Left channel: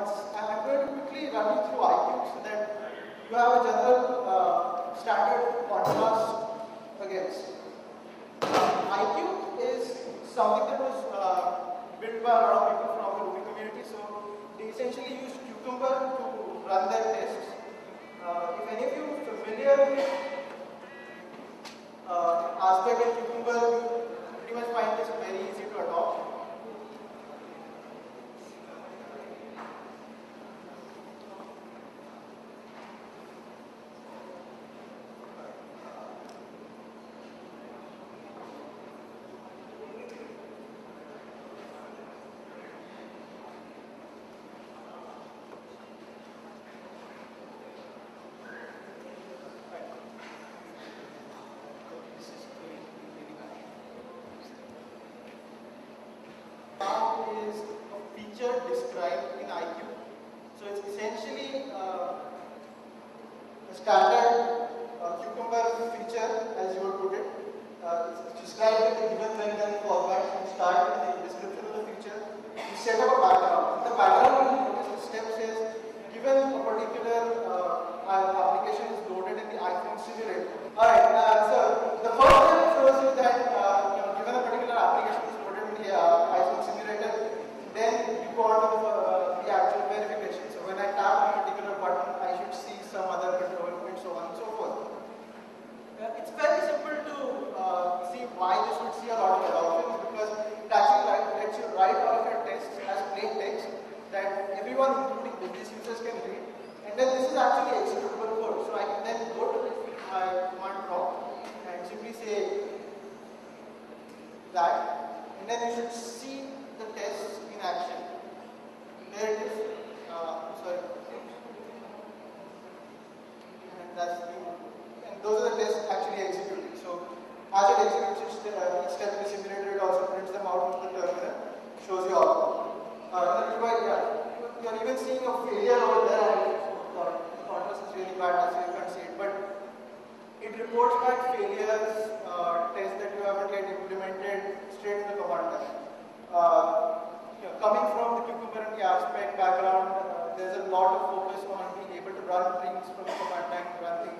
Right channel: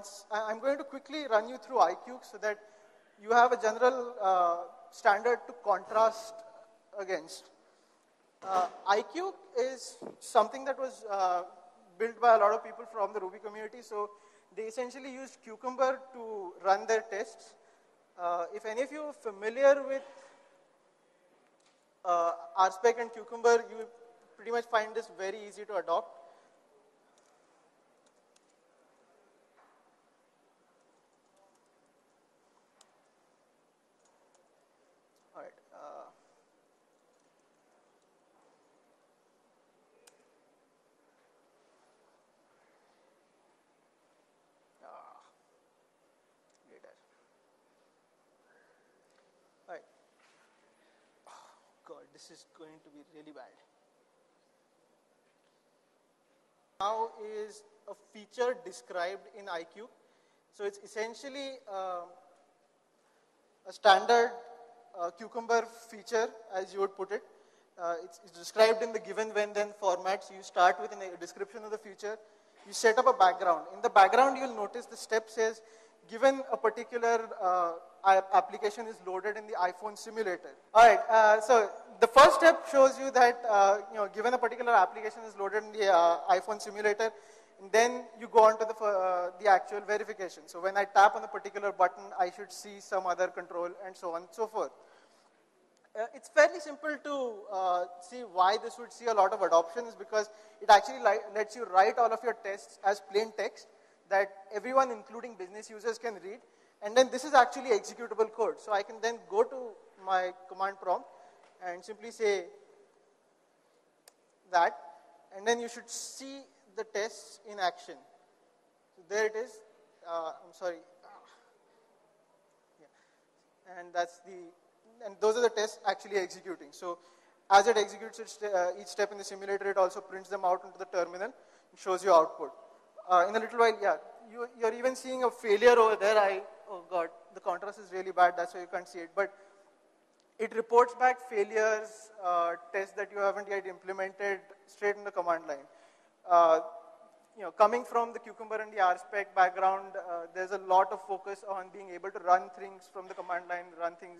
I'm going to quickly run you through iCube so that you have a general standard contrast against. iCube is something that was built by a lot of people from the Ruby community. So they essentially used Cucumber to run their tests. If any of you are familiar with Aspect and Cucumber, you pretty much find this very easy to adopt. Is a feature described in iCube. So it's essentially a standard Cucumber feature, as you would put it. It's described in the given, when, then format. So you start with the description of the feature. You set up a background. In the background, you'll notice the step says, given a particular application is loaded in the iPhone simulator. Alright, so the first step shows you that given a particular application is loaded in the iPhone simulator, then you go on to the actual verification. So when I tap on a particular button, I should see some other control and so on and so forth. It's fairly simple to see why this would see a lot of adoptions, because it actually lets you write all of your tests as plain text that everyone, including business users, can read. And then this is actually executable code. So I can then go to my command prompt and simply say that, and then you should see the tests in action. There it is. Sorry. And that's the, and those are the tests actually executing. So as it executes each step in the simulator, it also prints them out of the terminal, shows you output. In the little while, you're even seeing a failure over there. Oh God, the contrast is really bad, so you can't see it. But it reports back failures, tests that you haven't yet implemented straight in the command line. Coming from the Cucumber and the Aspect background, there's a lot of focus on being able to run things from the command line, run things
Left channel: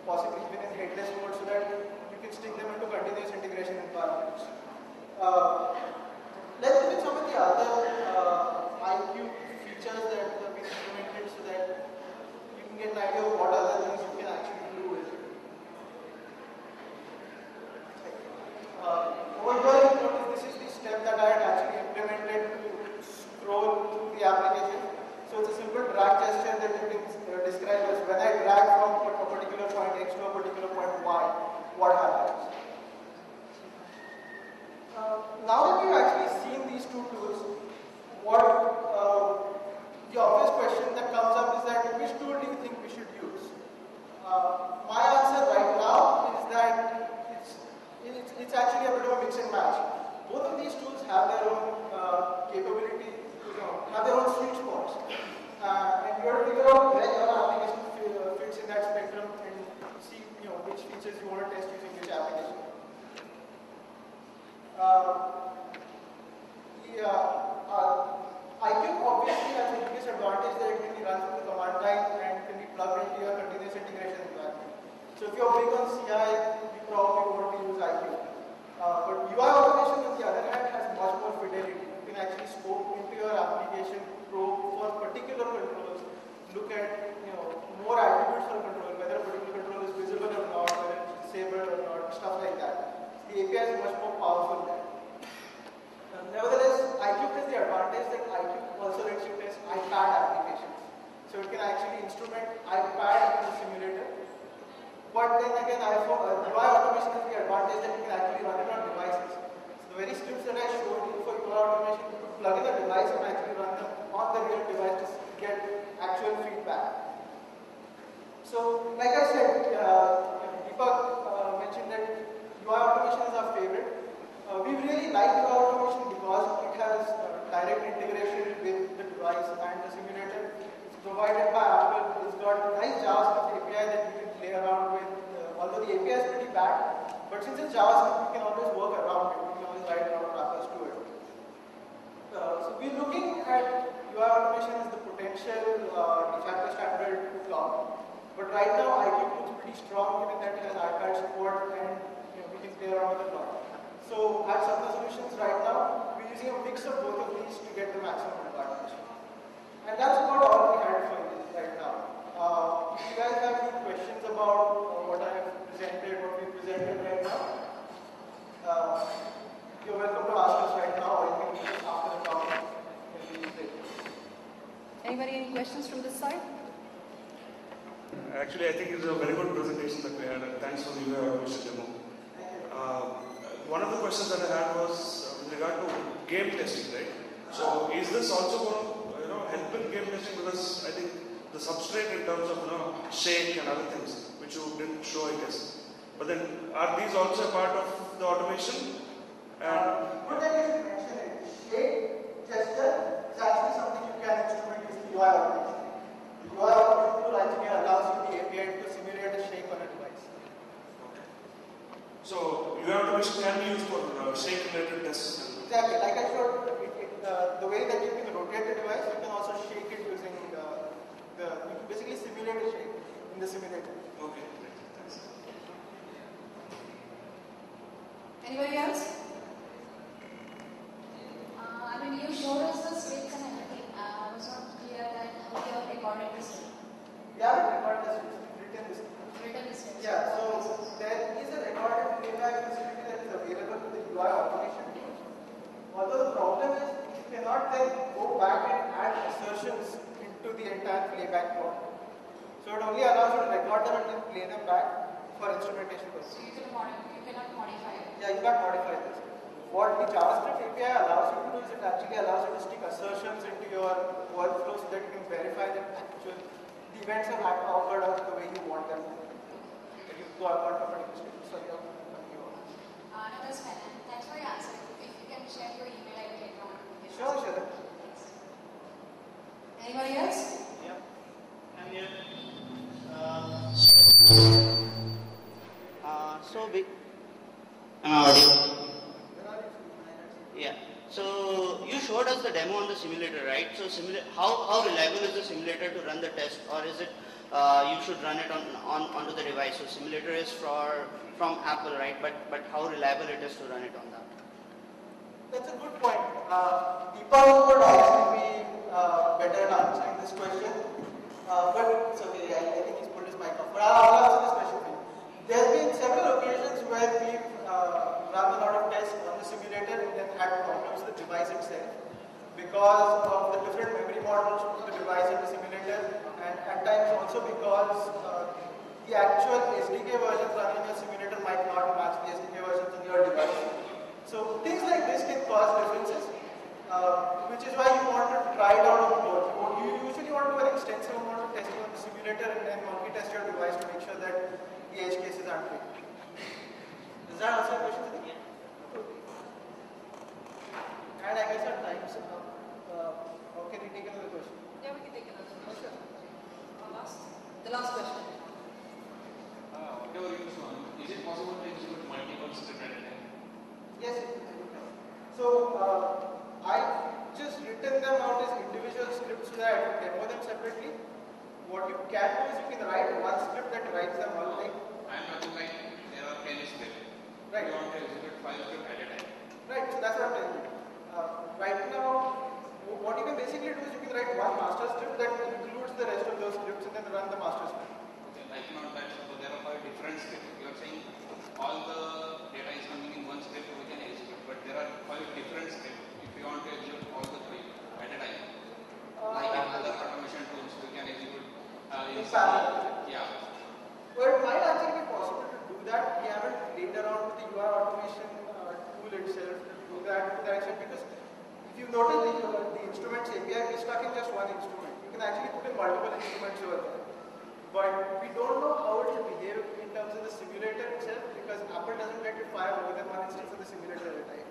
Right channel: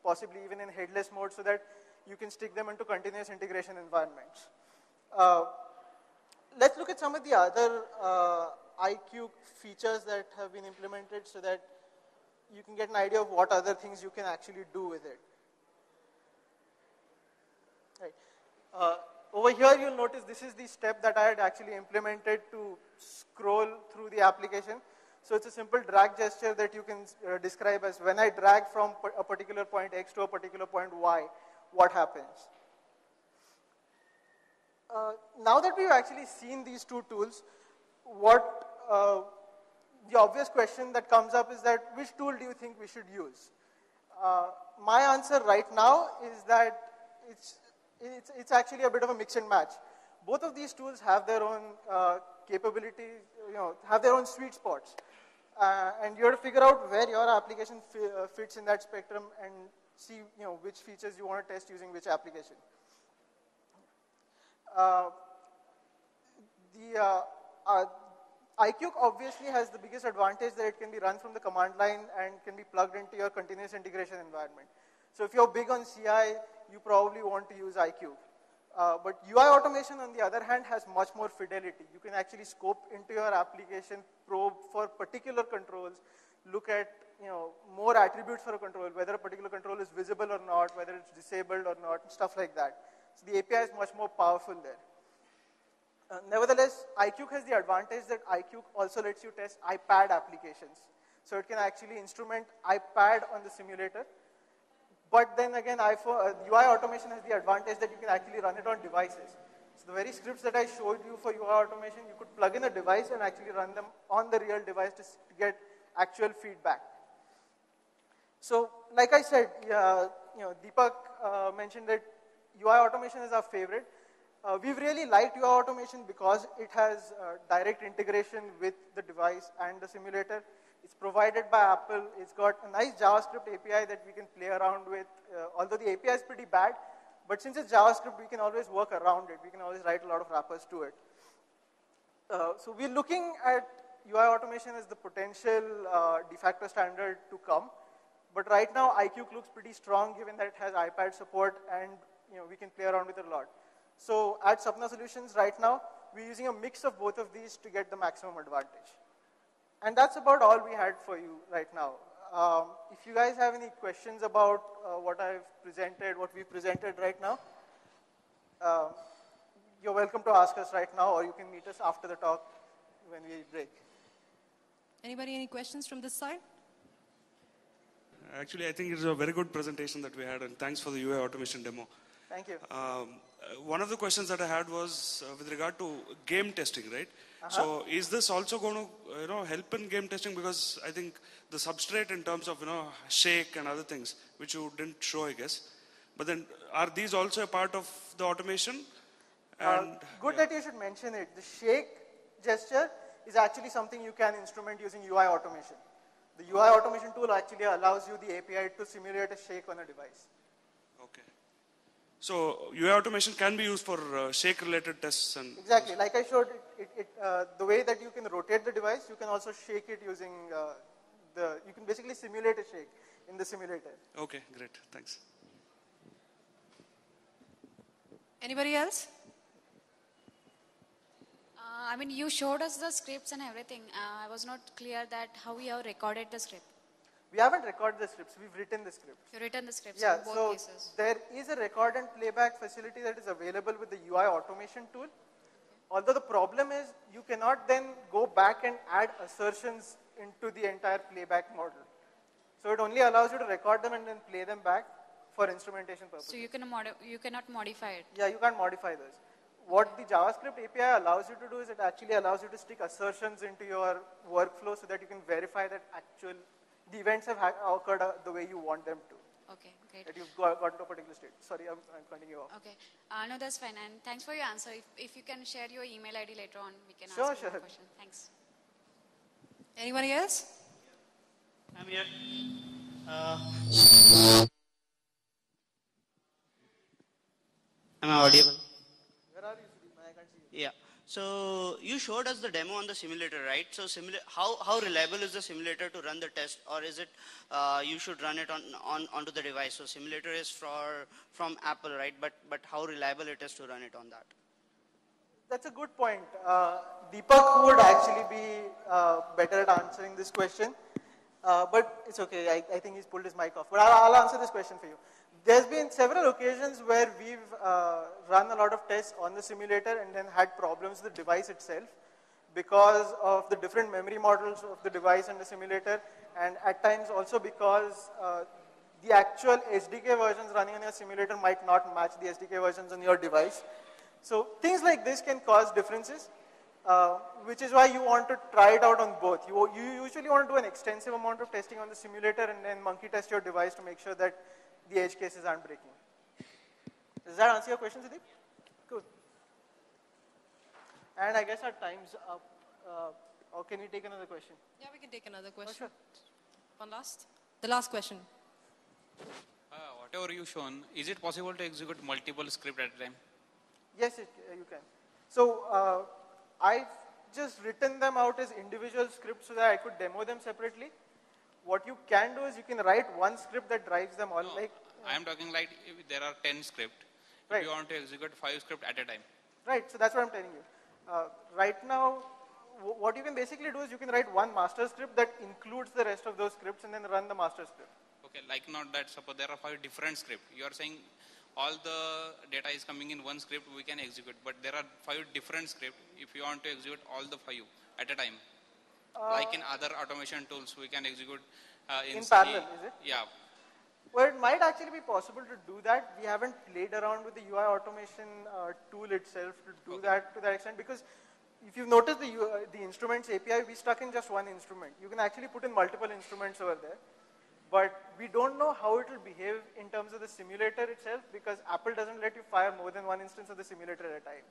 possibly even in headless code, so that you can stick them into continuous integration environments. Let's look at some of the other iCube features that have been implemented so that you can get an idea of what other things you can actually do with it. Over here you notice this is the step that I had actually implemented to scroll through the application. So it's a simple drag gesture that you can describe as when I drag from a particular point X to a particular point Y, what happens? Now that we've actually seen these two tools, what the obvious question that comes up is that which tool do you think we should use? My answer right now is that it's actually a bit of a mix and match. Both of these tools have their own capability, have their own sweet spots. And you have to figure out where your application fits in that spectrum and see which features you want to test using which application. iCube obviously has the biggest advantage that it can be run from the command line and can be plugged into your continuous integration environment. So if you're big on CI, you probably want to use iCube. But UI automation, on the other hand, has much more fidelity. You can actually scope into your application, probe for particular controls, look at more attributes for a control, whether a particular control is visible or not, whether it's disabled or not, stuff like that. So the API is much more powerful there. Nevertheless, iCube has the advantage that iCube also lets you test iPad applications. So it can actually instrument iPad in the simulator. But then again, UI automation has the advantage that you can actually run it on devices. So the very scripts that I showed you for UI automation, you could plug in a device and actually run them on the real device to get actual feedback. So, like I said, Deepak mentioned that UI automation is our favorite. We really like UI automation because it has direct integration with the device and the simulator. It's provided by Apple. It's got a nice JavaScript API that you can play around with. Although the API is pretty bad, but since it's JavaScript, we can always work around it. We can always write a lot of wrappers to it. So we're looking at that UI automation is the potential de facto standard to cloud. But right now, iCube looks pretty strong given that it has iPad support and we can play around with it a lot. So at Sapna Solutions right now, we're using a mix of both of these to get the maximum advantage. And that's about all we had for you right now. If you guys have any questions about what I have presented, what we presented right now, you're welcome to ask us right now, or you can meet us after the talk when we break. Anybody, any questions from this side? Actually, I think it's a very good presentation that we had, and thanks for the UI automation demo. Thank you. One of the questions that I had was with regard to game testing, right? So, is this also going to help in game testing? Because I think the substrate in terms of shake and other things, which you didn't show, I guess. But then, are these also a part of the automation? And good that you should mention it. The shake gesture is actually something you can instrument using UI automation. The UI automation tool actually allows you the API to simulate a shake on a device. okay. So UI automation can be used for shake-related tests. And exactly. Like I showed, the way that you can rotate the device, you can also shake it using you can basically simulate a shake in the simulator. Okay, great. Thanks. Anybody else? I mean, you showed us the scripts and everything. I was not clear that how you have recorded the script. We haven't recorded the scripts, we've written the scripts. You've written the scripts. Yeah, so there is a record and playback facility that is available with the UI automation tool. Although the problem is you cannot then go back and add assertions into the entire playback mode. So it only allows you to record them and then play them back for instrumentation purposes. So you cannot modify it. Yeah, you can't modify this. What the JavaScript API allows you to do is it actually allows you to stick assertions into your workflow so that you can verify that the events have occurred out the way you want them. Okay. If you want to put in the state. Sorry, I'm cutting you off. Okay. No, that's fine. And thanks for your answer. If you can share your email ID later on, we can Sure. Thanks. Anybody else? Yeah, I'm here. Am I audible? Yeah. So you showed us the demo on the simulator, right? So how reliable is the simulator to run the test, or is it you should run it onto the device? So simulator is from Apple, right? But how reliable it is to run it on that? That's a good point. Deepak would actually be better at answering this question. But it's okay, I think he's pulled his mic off. But I'll answer this question for you. There's been several occasions where we've run a lot of tests on the simulator and then had problems with the device itself because of the different memory models of the device and the simulator, and at times also because the actual SDK versions running on your simulator might not match the SDK versions on your device. So things like this can cause differences, which is why you want to try it out on both. You usually want to do an extensive amount of testing on the simulator and then monkey test your device to make sure that the edge cases aren't taken. Does that answer your question, Siddhi? Good. And I guess our time's up. Or can we take another question? Yeah, we can take another question. The last question. Whatever you've shown, is it possible to execute multiple scripts at a time? Yes, you can. So I've just written them out as individual scripts so that I could demo them separately. What you can do is you can write one script that writes them one thing. I am talking like if there are 10 scripts. Right. You want to execute 5 scripts at a time. Right, so that's what I'm telling you. Right now, what you can basically do is you can write one master script that includes the rest of those scripts and then run the master script. Okay, like not that, suppose there are 5 different scripts. You are saying all the data is coming in one script, we can execute, but there are 5 different scripts if you want to execute all the 5 at a time. Like in other automation tools, we can execute in parallel. Yeah. Well, it might actually be possible to do that. We haven't played around with the UI automation tool itself to do that to that extent, because if you've noticed the instruments API, we're stuck in just one instrument. You can actually put in multiple instruments over there. But we don't know how it will behave in terms of the simulator itself, because Apple doesn't let you fire more than one instance of the simulator at a time.